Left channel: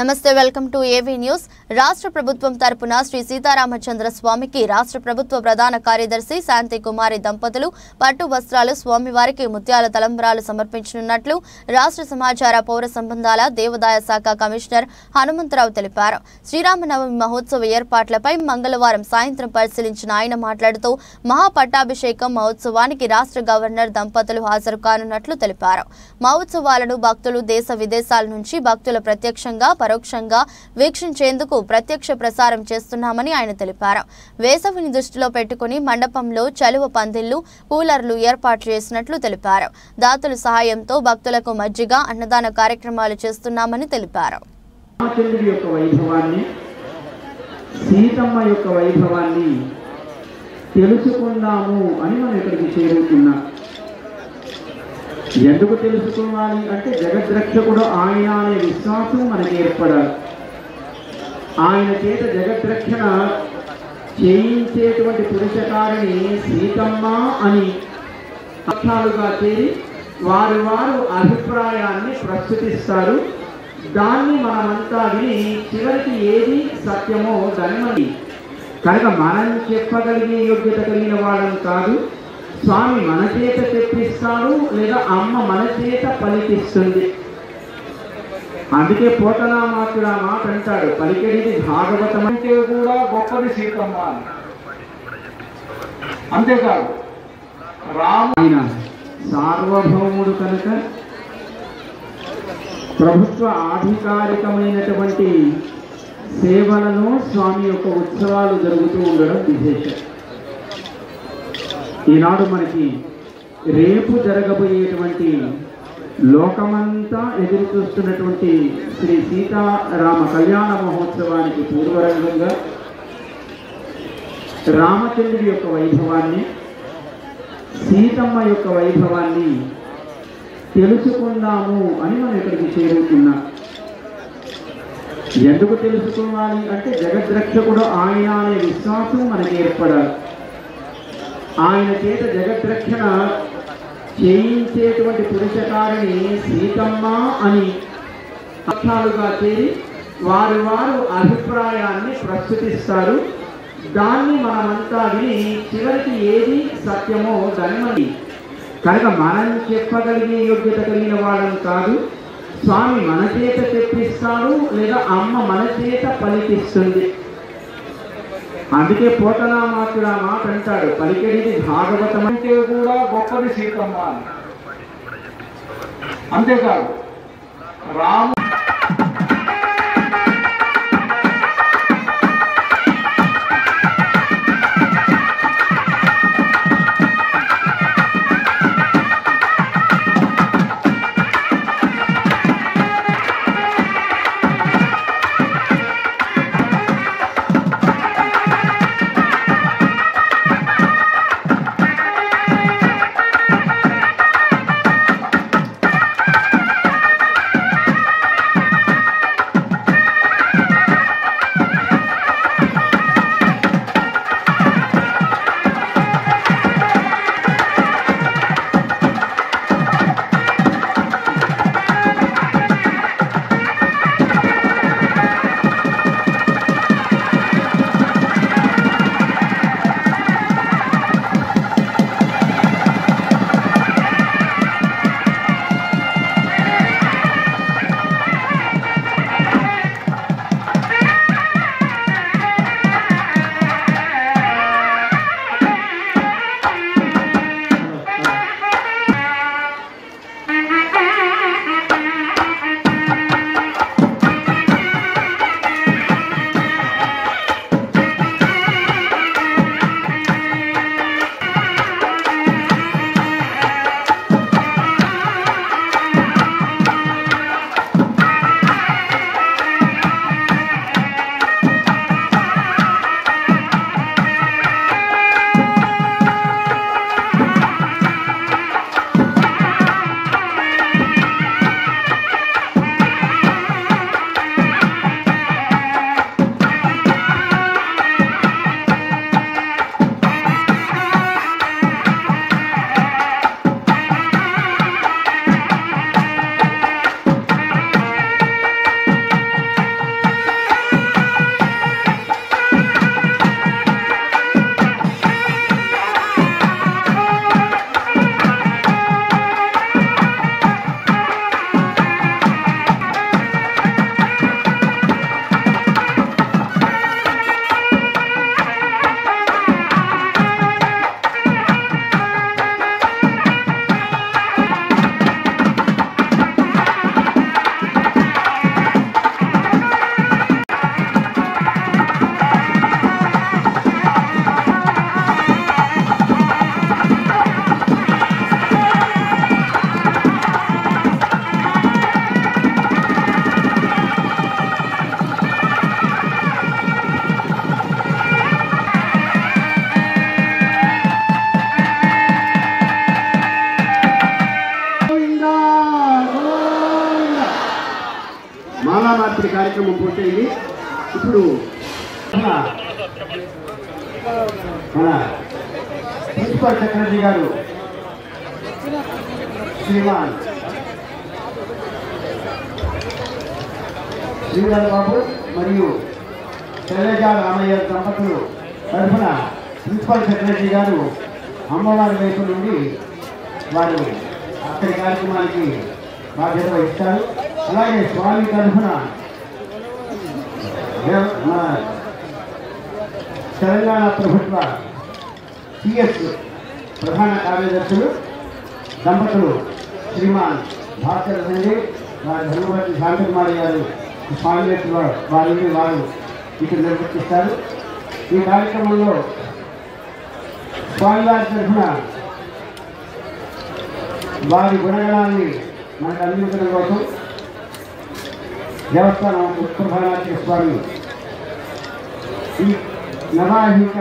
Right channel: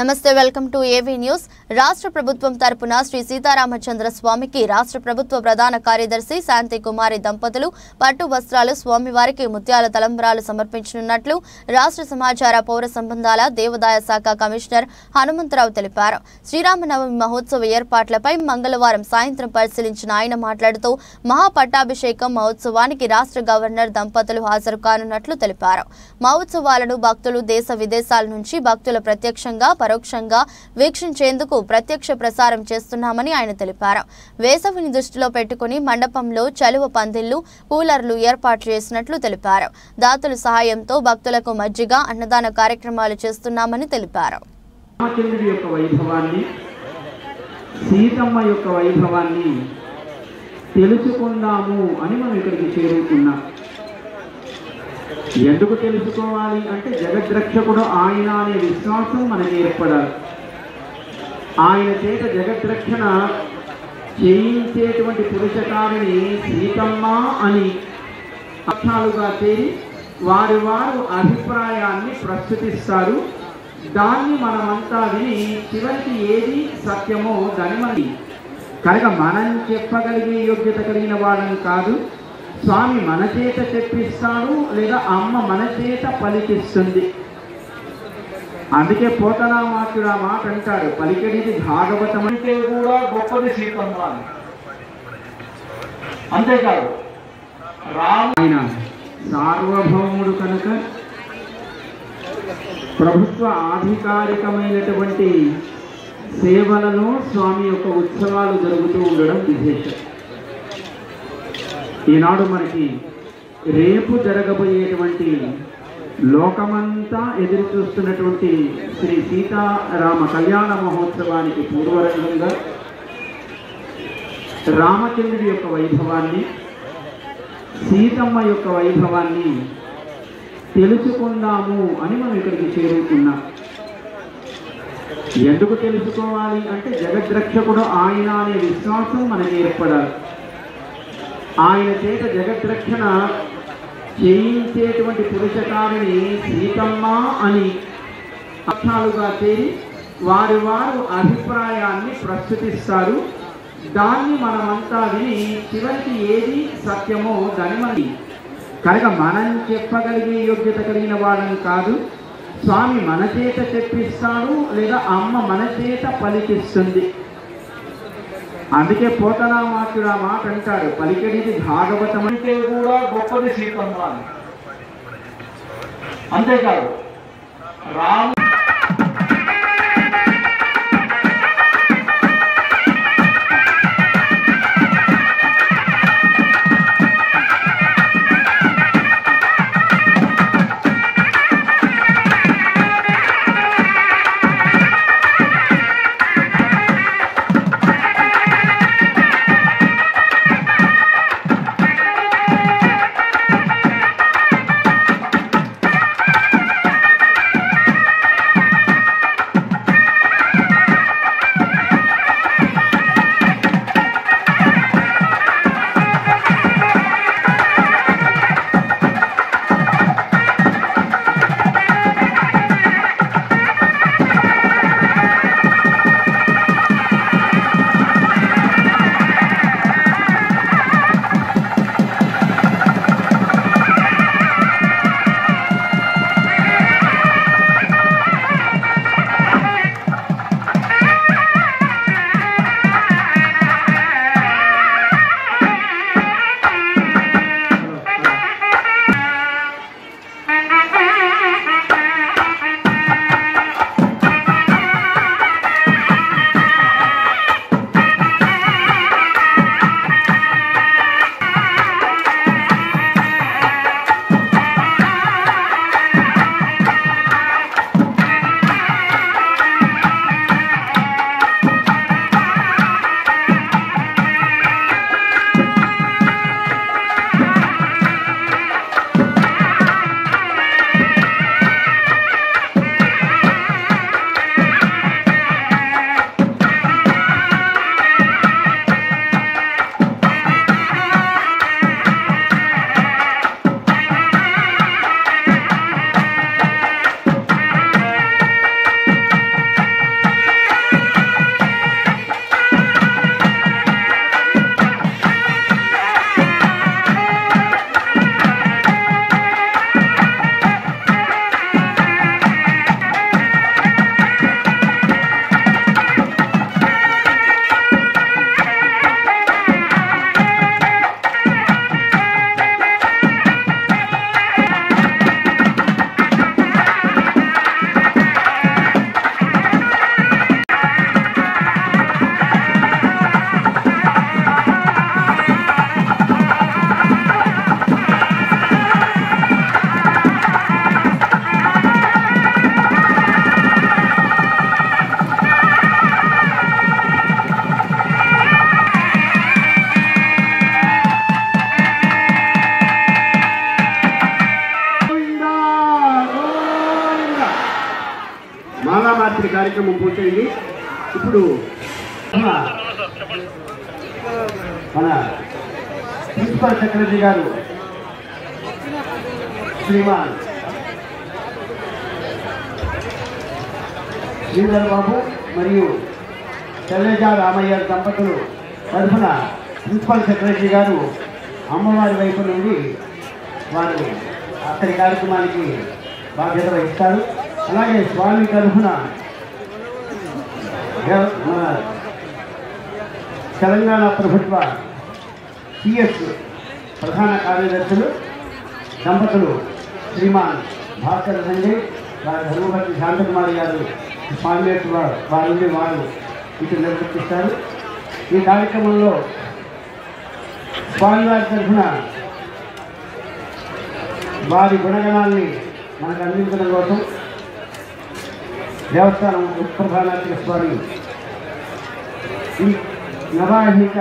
నమస్తే welcome to AV news. రాష్ట్ర ప్రభుత్వం తరపున శ్రీ సీతారామచంద్ర స్వామికి రాష్ట్ర ప్రభుత్వ ప్రధాన కార్యదర్శి శాంతి కుమారి దంపతులు పట్టు వస్త్రాలు స్వామివారికి ముత్యాల తలంబ్రాలు సమర్పించనున్నట్లు రాష్ట్ర సమాచార పౌర సంబంధాల దేవాదాయ శాఖ కమిషనర్ హనుమంతరావు తెలిపారు। శ్రీరామనవమి మహోత్సవ ఏర్పాట్లపై మంగళవారం సాయంత్రం పరిశీలించిన ఆయన మాట్లాడుతూ మహాపట్టాభిషేకం మహోత్సవానికి రాష్ట్ర గవర్నర్ దంపతులు హాజరు కానున్నట్లు తెలిపారు। మహోత్సవాలను భక్తులు దేశ విదేశాల నుంచి భక్తుల ప్రత్యక్షంగా పరోక్షంగా వీక్షించేందుకు ప్రత్యక్ష ప్రసారం చేస్తున్నామని ఆయన తెలిపారు। వేసవిని దృష్టిలో పెట్టుకుని మండపంలో చలువ పందిళ్లు కూలర్లు ఏర్పాటు చేసినట్లు తెలిపారు। దాతల సహాయంతో భక్తులకు మజ్జిగ అన్నదాన కార్యక్రమాలు చేస్తున్నామని తెలిపారు। రామచంద్రుడి యొక్క వైభవాన్ని సీతమ్మ యొక్క వైభవాన్ని తెలుసుకుందాము అని మనం ఇక్కడికి చేరుకున్నాం। ఎందుకు తెలుసుకోవాలి అంటే జగద్రక్షకుడు ఆయన అనే విశ్వాసం మనకి ఏర్పడాలి। ఆయన చేత జగద్రక్షణ చేయించేటువంటి పురుషకారిని సీతమ్మ అని అర్థాలుగా చేరి వారు అభిప్రాయాన్ని ప్రస్తుతిస్తారు। దాన్ని మనమంతా విని చివరికి ఏది సత్యమో దాన్ని కనుక మనం చెప్పగలిగే యోగ్యత కలిగిన వాళ్ళం కాదు। స్వామి మన చేత తెప్పిస్తాడు లేదా అమ్మ మన చేత పలికిస్తుంది। అందుకే పోతనామాత్రుడు ఆ మాట అంటాడు, పలికెడిది భాగవతం అంటే కూడా గొప్పది సీతమ్మ అని। అంతేకాదు ఆయన సార్వభౌముడు కనుక ప్రభుత్వ ఆధికారికమైనటువంటి సేవలలో స్వామి యొక్క ఉత్సవాలు జరుగుతూ ఉండడం విశేషం। ఈనాడు మనకి రేపు జరగబోయేటువంటి లోకమంతా ఎదురు చూస్తున్నటువంటి శ్రీ సీతారామ కళ్యాణ మహోత్సవానికి పూర్వరంగంగా రామచంద్రుడి యొక్క వైభవాన్ని సీతమ్మ యొక్క వైభవాన్ని తెలుసుకుందాము అని మనం ఇక్కడికి చేరుకున్నాం। ఎందుకు తెలుసుకోవాలి అంటే జగద్రక్షకుడు ఆయన అనే విశ్వాసం మనకి ఏర్పడాలి। ఆయన చేత జగద్రక్షణ చేయించేటువంటి పురుషకారిని సీతమ్మ అని అర్థాలుగా చేరి వారు అభిప్రాయాన్ని ప్రస్తుతిస్తారు। దాన్ని మనమంతా విని చివరికి ఏది సత్యమో దాన్ని కనుక మనం చెప్పగలిగే యోగ్యత కలిగిన వాళ్ళం కాదు। స్వామి మన చేత తెప్పిస్తాడు లేదా అమ్మ మన చేత పలికిస్తుంది। అందుకే పోతనామాత్రుడు ఆ మాట అంటాడు, పలికెడిది భాగవతం అంటే కూడా గొప్పది సీతమ్మ అని। అంతేకాదు రాము కార్యక్రమం పూర్తయింది. ఇప్పుడు మన ప్రిన్సిపల్ సెక్రటరీ గారు శ్రీమాన్ శ్రీధర్ బాబు మరియు శైలజ రామయ్య దంపతులు తరఫున ప్రిన్సిపల్ సెక్రటరీ గారు అమ్మవారి వైపు నుండి వారు అక్కడి కార్యక్రమానికి బాధ్యత వహిస్తారు. అలాగే స్వామి తరఫున తెలంగాణ ప్రభుత్వ సిఎస్ ప్రధాన కార్యదర్శులు దంపతులు శ్రీమాన్ భాస్కర్ సంజయ్ వారి ధర్మపతి శాంతకుమారి గారు స్వామి వారిని వారు ఇటు నిర్వర్తిస్తారు. ఈ కార్యక్రమంలో స్వామివారి తరఫున వారి గుణగణాన్ని మనకు అందించడం కోసం దేవస్థానం ఉత్ప్రధానాచార్య స్వామి ఈ నవాహిక